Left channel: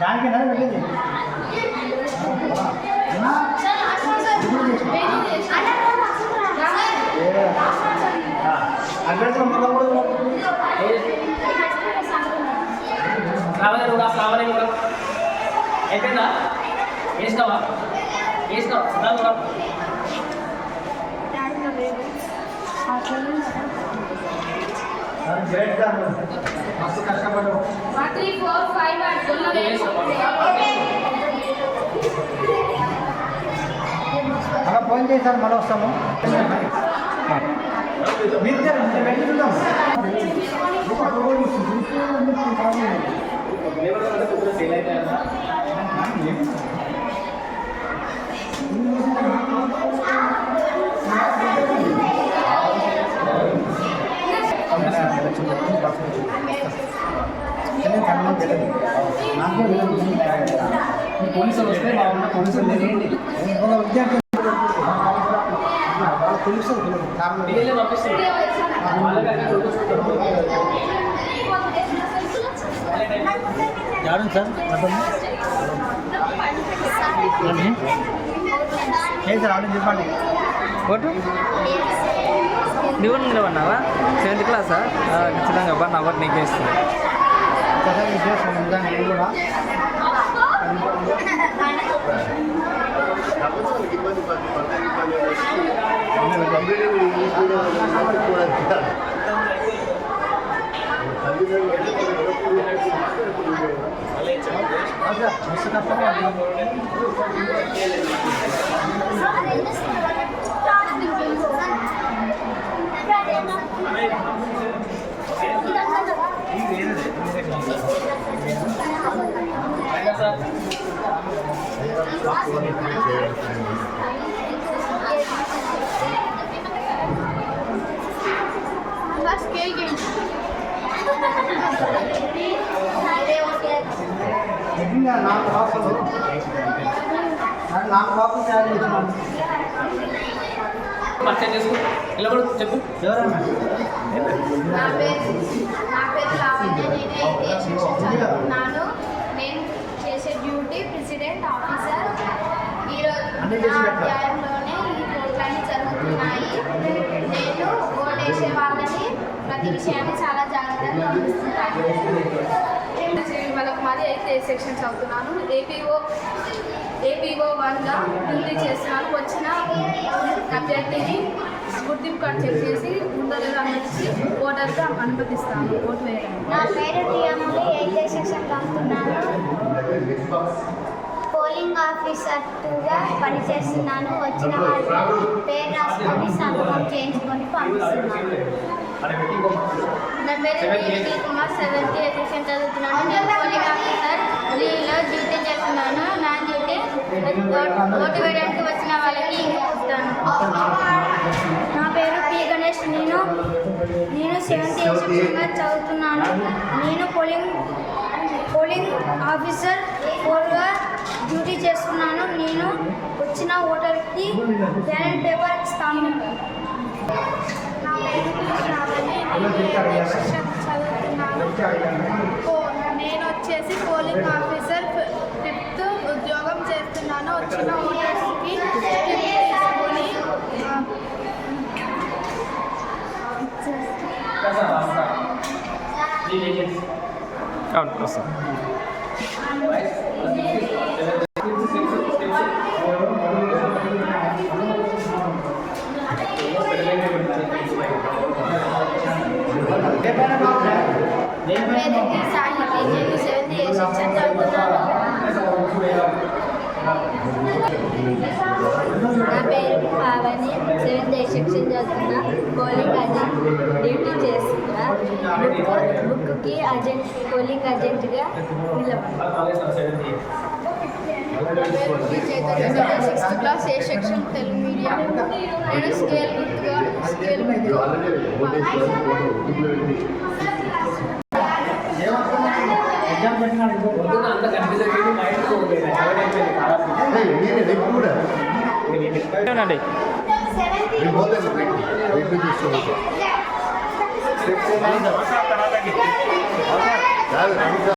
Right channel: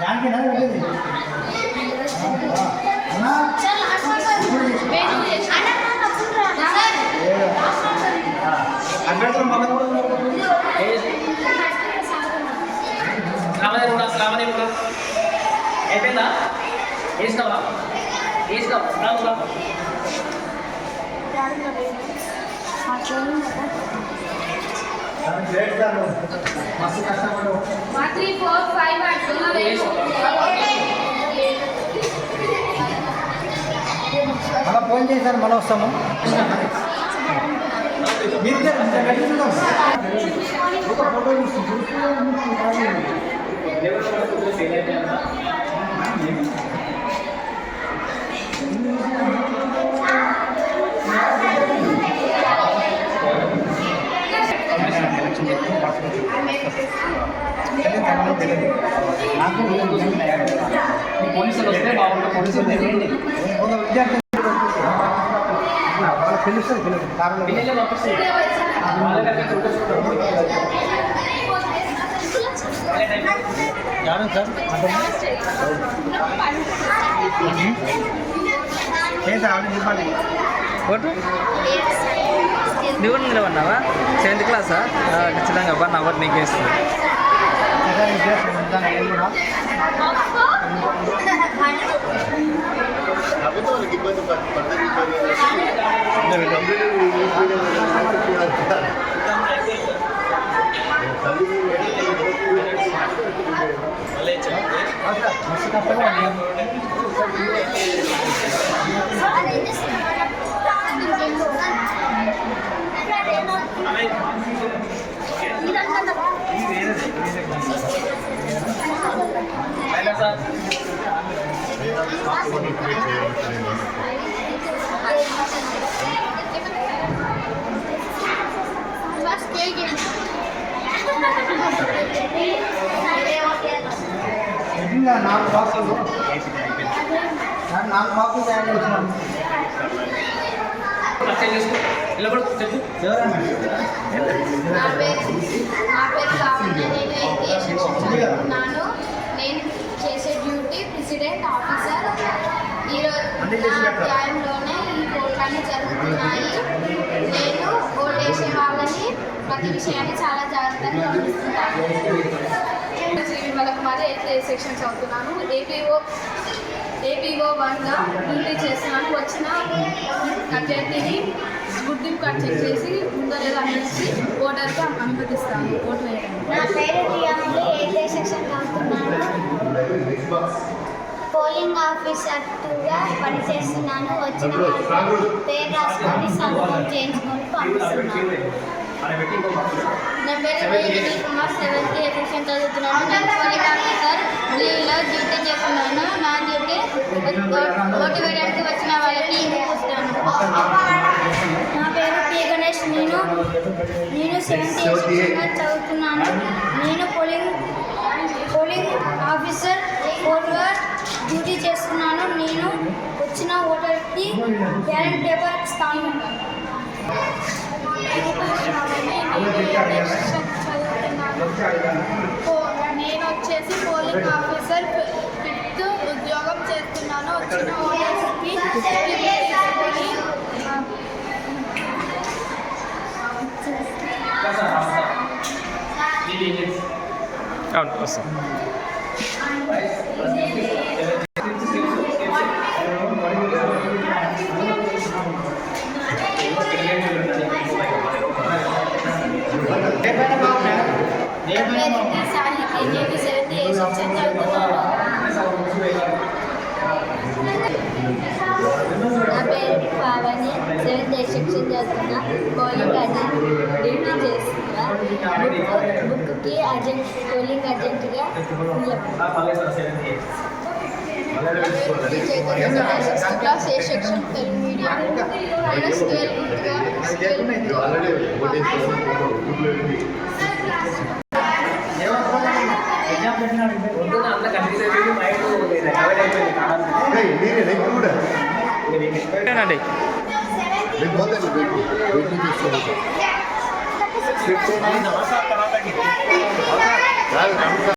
దానికి అయిపోయిందా వేసినావా మస్తు కష్టపడు మళ్ళీ ఫోన్ చేశారు మళ్ళీ వస్తాము మీరు చూద్దాం ఒక ఫోటో పోలీసులు వస్తే బాగుంటుంది పోలీసులు తెలియండి విద్యార్థి తెలుస్తుంది ఎవరు సార్ చెప్పండి ఫోటో నువ్వు నిలబడినావా 7th క్లాసా ఖచ్చితంగా అబ్బా నా ఒకటి నీకే ఇస్తాను నేను కూడా నాకు బాక్స్ తయారు చేస్తున్నాను నిలబడు చెప్పు నా పేరు లావణ్య. నేను 8th సెక్షన్ చదువుతున్నాను. నేను చేసే డ్యూటీ ప్రెసిడెంట్ ఆఫీసర్. ఈరోజు నా అధ్యాయంలోనే ఈ కోట్లన్నీ జరుగుతున్నాయి. నేను ఓటేసే వాళ్ళని ప్రతి విషయాన్ని చాలా జాగ్రత్తగా గమనిస్తుంటాను. మరి 8th సెక్షన్ చదువుతున్నాను. ఏపీఓ 1గా డ్యూటీ చేస్తున్నాను. వచ్చిన అభ్యర్థిని గుర్తింపు కార్డు చెక్ చేసి ఉందో లేదో అనేసి ఓటర్గా అనుమతిస్తాను ఓటు వేయడానికి. నా పేరు ప్రియామణి. 8th సెక్షన్ చదువుతున్నాను. పోలింగ్ ఆఫీసర్ 2గా పనిచేస్తున్నాను. వచ్చిన వాళ్ళు పేరు రాసుకొని సంతకం చేయించుకొని పంపిస్తున్నాను. నా పేరు నిఖిల్ కుమార్. 7th సెక్షన్ చదువుతున్నాను. నేను పోలింగ్ ఆఫీసర్ 3లో డ్యూటీ చేస్తున్నాను. నా డ్యూటీ ఓటు వేయడానికి వచ్చిన వాళ్ళకి ఇంక పూస్తాను. నా పేరు పి గణేష్. నేను 7th సెక్షన్గా చదువుతున్నాను. నేను పోలింగ్ ఆఫీసర్ 4గా డ్యూటీ చేస్తున్నాను. నేను వచ్చిన ఓటర్కి బ్యాలెట్ పేపర్ ఇస్తాను. నా పేరు శ్రావణి. నేను 8th సెక్షన్ చదువుతున్నాను. నేను వచ్చేసి పోలింగ్ ఆఫీసర్ 5th ఉద్యోగం చేస్తున్నాను. వచ్చిన ఓటర్స్కి తీసుకొని అవును వస్తాం నా పేరు పావని. 7th సెక్షన్ చదువుతున్నా. పోలింగ్ అజెంట్ డ్యూటీ చేస్తున్నా. బుక్కి పోలింగ్ అజెంట్గా క్లాస్ ఏ సెక్షన్ తెలుగు మీడియం. నేను స్కేల్ ఏనండి నేను పోతాను వెయిట్ చూసుకోవచ్చు కాదు